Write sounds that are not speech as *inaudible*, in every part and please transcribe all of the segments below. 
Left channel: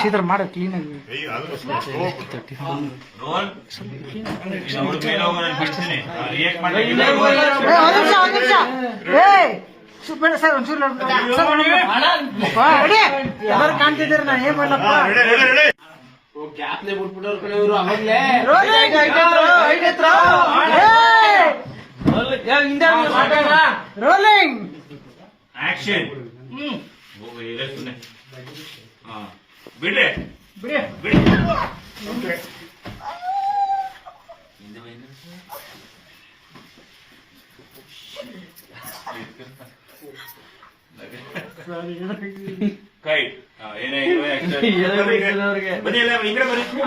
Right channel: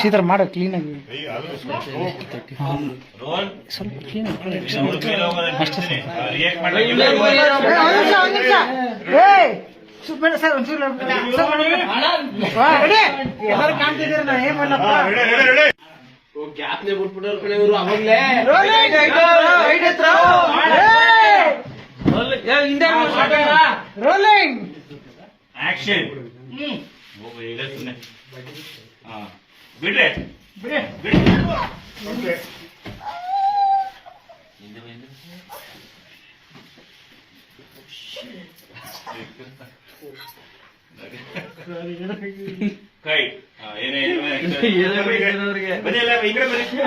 ಸೀದಾ ಮಾಡೋ ಕ್ಲೀನಾಗಿ ಕೈ ಆದ್ರೂ ಸ್ವಲ್ಪ ಹೋಗೋಣ ಅಷ್ಟೇ ರಿಯಾಕ್ಟ್ ಮಾಡಿ. ಎಲ್ಲರೂ ಕಾಣ್ತಿದ್ದೀರ? ನಾ ಏನ್ ready. ಗ್ಯಾಪ್ನೆ ಬಿಟ್ಬಿಟ್ಟವ್ರ ಕಡೆ ಇವರು ಅವಾಗ್ಲೇ. ರೋಲಿಂಗ್. ಆಕ್ಷನ್ ಹೋಗು ಈಗ ಸುಮ್ಮನೆ ಹಾ ಬಿಡ್ರಿ. ಬಿಡಿ ಬಿಡಿ Okay. ಹಿಂದೆ ಬಾ, ಹಿಂದೆ ಬಾ. ಕೈ ಏನೇ. ಬನ್ನಿ ಇಲ್ಲ ಈ ಕಡೆ ಬನ್ನಿ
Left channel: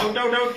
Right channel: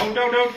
ಔಟ್ ಔಟ್ ಔಟ್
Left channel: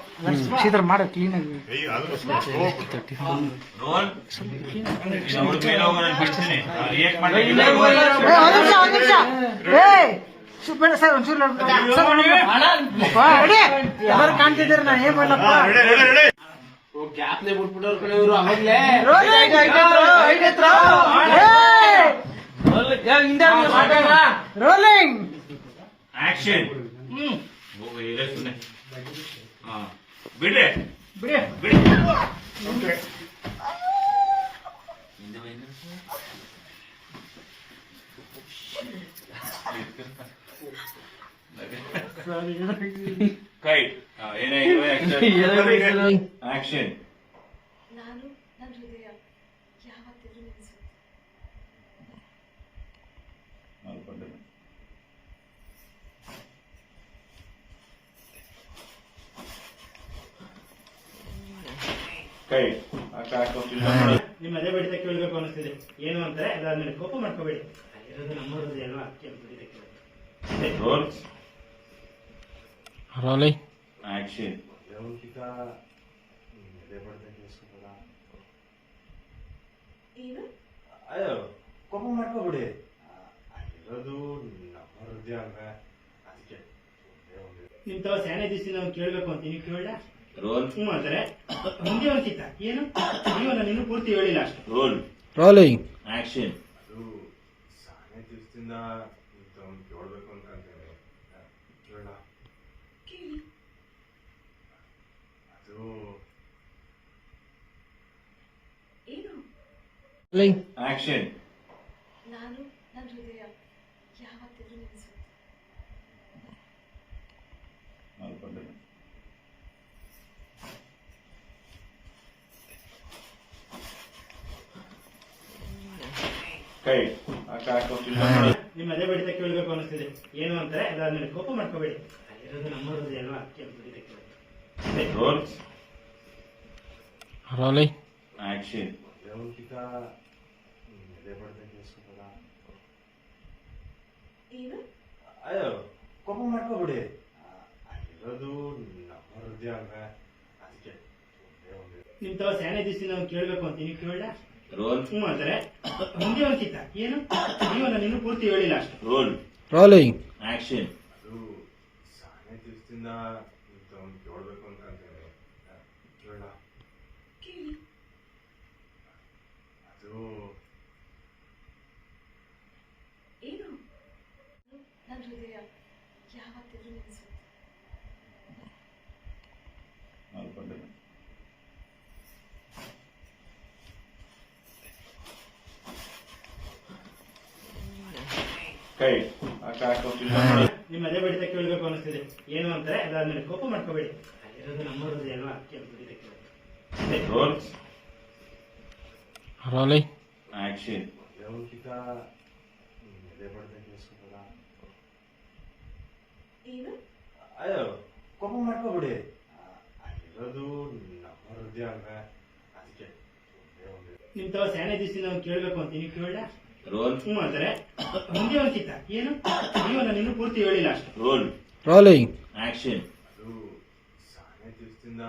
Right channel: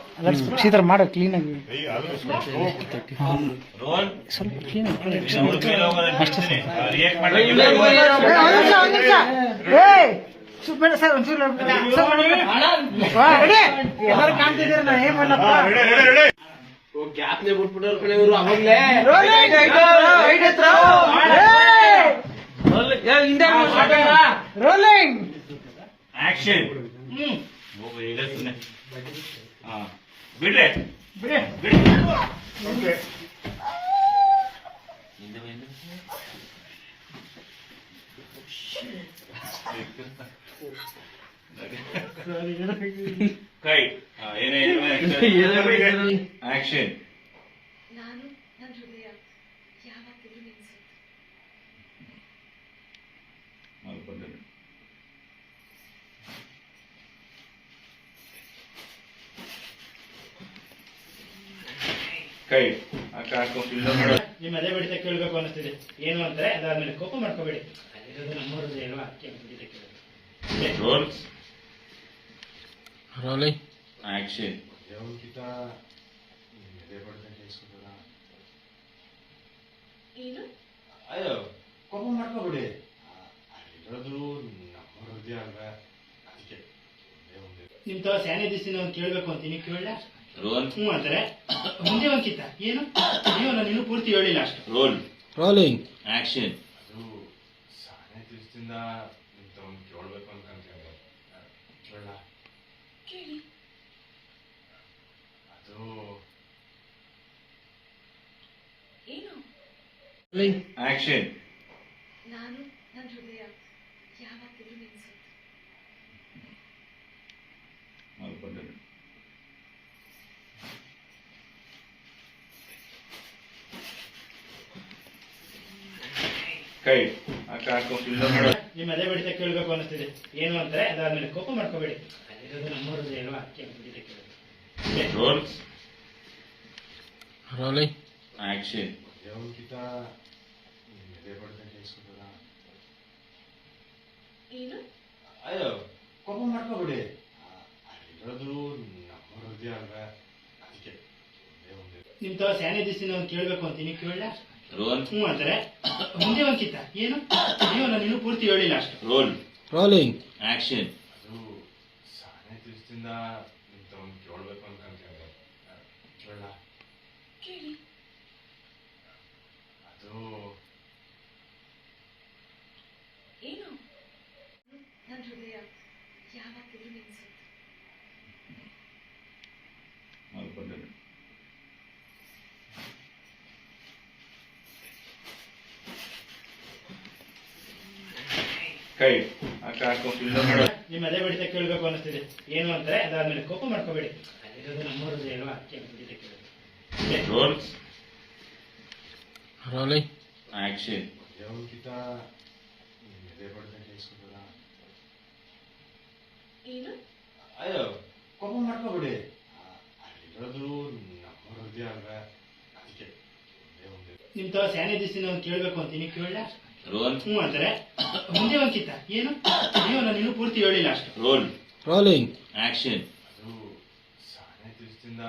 ನಮ್ಗೇನಾಗಲ್ಲ ಮಾಡ ಕ್ಲೀನಾಗಿ ಎಲ್ಲರೂ ಕಾಣ್ತಿದ್ದೀರ? ನಾ ಏನ್ ready. ಗ್ಯಾಪ್ನೆ ಬಿಟ್ಬಿಟ್ಟವ್ರ ಕಡೆ ಇವರು ಅವಾಗ್ಲೇ. ರೋಲಿಂಗ್ ಆಕ್ಷನ್ ಹೋಗು ಈಗ ಸುಮ್ಮನೆ ಹಾ. ಬಿಡ್ರಿ. ಬಿಡಿ ಬಿಡಿ Okay. ಹಿಂದೆ ಹಿಂದೆ ಬಾ. ಕೈ ಏನೇ ಆಕ್ಷನ್ *laughs* ನಾನು ನನ್ನ ಹೃದಯ ಯಾವತ್ತಿದ್ರೂ ನಿಲ್ಲಿಸುತ್ತೆ ಕೈ ನಿಮ್ಮ ಅದೇ ಬಡಿತ ಕೇಳಬೇಕು ಅನಿಸ್ತಿದೆ ಏನು ಅಂತಾರೆ? ಅದಾದ್ಮೇಲೆ ಕೋಪ ಮಾಡ್ಕೋಬೇಡಿ. ಅಲ್ಲಿರೋದು ನಮ್ಮ ಹೃದಯ ಅಲ್ವಾ ಕೆಂಪು ಬಡಿತ ರೋಲಿಂಗ್ ಆಕ್ಷನ್ ಏನು? ಅಯ್ಯೋ ಕೋಪ ಮಾಡ್ಕೋಬಿಡಿ. ಅಲ್ಲಿರೋದು ನಮ್ಮ ಹೃದಯ ಅಲ್ವೇ ಅದಕ್ಕೆ ನಿಮ್ಮ ಒಂದು ನಿಮ್ ತರ ಸ್ಯಾನೆ ದಿವಸ ನಾನು ಕೇಳಬೇಕು ಅಂತ ನೀವು ಕೇಳ ರೋಲ್ ಹ್ಞೂ ಅಂತಾರೆ ಮುಂದೆ ಏನು? ನೀವು ನಾನು ಇನ್ನೂ ಪೂರ್ತಿ ಹೇಳಿಲ್ಲ ಅಷ್ಟು. ರೋಲ್ ರೋಲಿಂಗ್ ಆಕ್ಷನ್ ಅದು ಸಾನೆ ದಿವಸದಿಂದ ನಿಂತವ್ನು ಕೇಳಬೇಕು ಅನ್ಕೊಂತೀವಿ ಕೇಳ ಕೇಳಿ. ಅದು ಏನು? ಆಕ್ಷನ್ ನಾನು ನನ್ನ ಹೃದಯ ಯಾವತ್ತಿಗೂ ನಿಲ್ಲಿಸುತ್ತೆ ಮಾಡ್ಕೊಂಡಿದ್ದೀನಿ. ಕೈ ಆ ಕಾರ್ ಕಂಪ್ನಿ ನಿಮ್ಮ ಅದೇ ಬಡಿತ ಕೇಳಬೇಕು ಅನ್ನಿಸ್ತಿದೆ. ಏನು ಅಂತಾರೆ? ಅದಾದ್ಮೇಲೆ ಕೋಪ ಮಾಡ್ಕೋಬೇಡಿ. ಅಲ್ಲಿರೋದು ನಮ್ಮ ಹೃದಯ ಅಲ್ವಾ? ಕೆಂಪು ಬಡಿತ ಕೇಳೋದು ಆಕ್ಷನ್ ಎದೆ ಕೇಳಿಸ್ಕೊಂಡಲ್ಲ ಏನು? ಅಯ್ಯೋ ಕೋಪ ಮಾಡ್ಕೋಬೇಡಿ. ಅಲ್ಲಿರೋದು ನಮ್ಮ ಹೃದಯ ಅಲ್ವೇ? ಅದಕ್ಕೆ ಒಂದೇ ಒಂದು ನಿಮ್ ತರ ಸ್ಯಾನಿಟೈಸ್ ಕೇಳ್ಬೇಕು ನಾನು ಕೇಳಬೇಕು ಅಂತ. ನೀವು ಕೇಳ ರೋಲ್ ಹ್ಞೂ ಅಂತಾರೆ. ಮುಂದೆ ಏನು? ನೀವು ನಾನು ಇನ್ನೂ ಪೂರ್ತಿ ಹೇಳಿಲ್ಲ ಅಷ್ಟೇ. ರೋಲ್ ರೋಲಿಂಗ್ ಆಕ್ಷನ್ ಅದು ಸಾನೆ ದಿವಸದಿಂದ ನಿಂತವ್ನು ಕೇಳಬೇಕು ಅನ್ಕೊಂತೀವಿ ಕೇಳ ಕೇಳಿ ಅದು ಏನು ನನ್ನ ಹೃದಯ ಯಾವತ್ತಿಗೂ ನಿಲ್ಲಿಸುತ್ತೆ ಮಾಡ್ಕೊಂಡಿದ್ದೀನಿ. ಕೈ ನಿಮ್ಮ ಅದೇ ಬಡಿತ ಕೇಳಬೇಕು ಅನಿಸ್ತಿದೆ ಏನು ಅಂತಾರೆ? ಅದಾದ್ಮೇಲೆ ಕೋಪ ಮಾಡ್ಕೋಬೇಡಿ. ಅಲ್ಲಿರೋದು ನಮ್ಮ ಹೃದಯ ಅಲ್ವಾ? ಕೆಂಪು ಬಡಿತ ಆಕ್ಷನ್ ಅಯ್ಯೋ ಕೋಪ ಮಾಡ್ಕೋಬಿಡಿ. ಅಲ್ಲಿರೋದು ನಮ್ಮ ಹೃದಯ ಅಲ್ವೇ? ಅದಕ್ಕೆ ನಿಮ್ ತರ ಸ್ಯಾನಿಟೈಸ್ ಅವ್ನು ಕೇಳ್ಬೇಕು ಅಂತ ನೀವು ಕೇಳ ರೋಲ್ ಹ್ಞೂ ಅಂತಾರೆ. ಮುಂದೆ ಹೋಗಿತ್ತ ಏನು? ನೀವು ನಾನು ಪೂರ್ತಿ ಹೇಳಿಲ್ಲ ಅಷ್ಟೇ. ರೋಲ್ ರೋಲಿಂಗ್ ಆಕ್ಷನ್ ಅದು ಸಾನೆ ದಿವಸದಿಂದ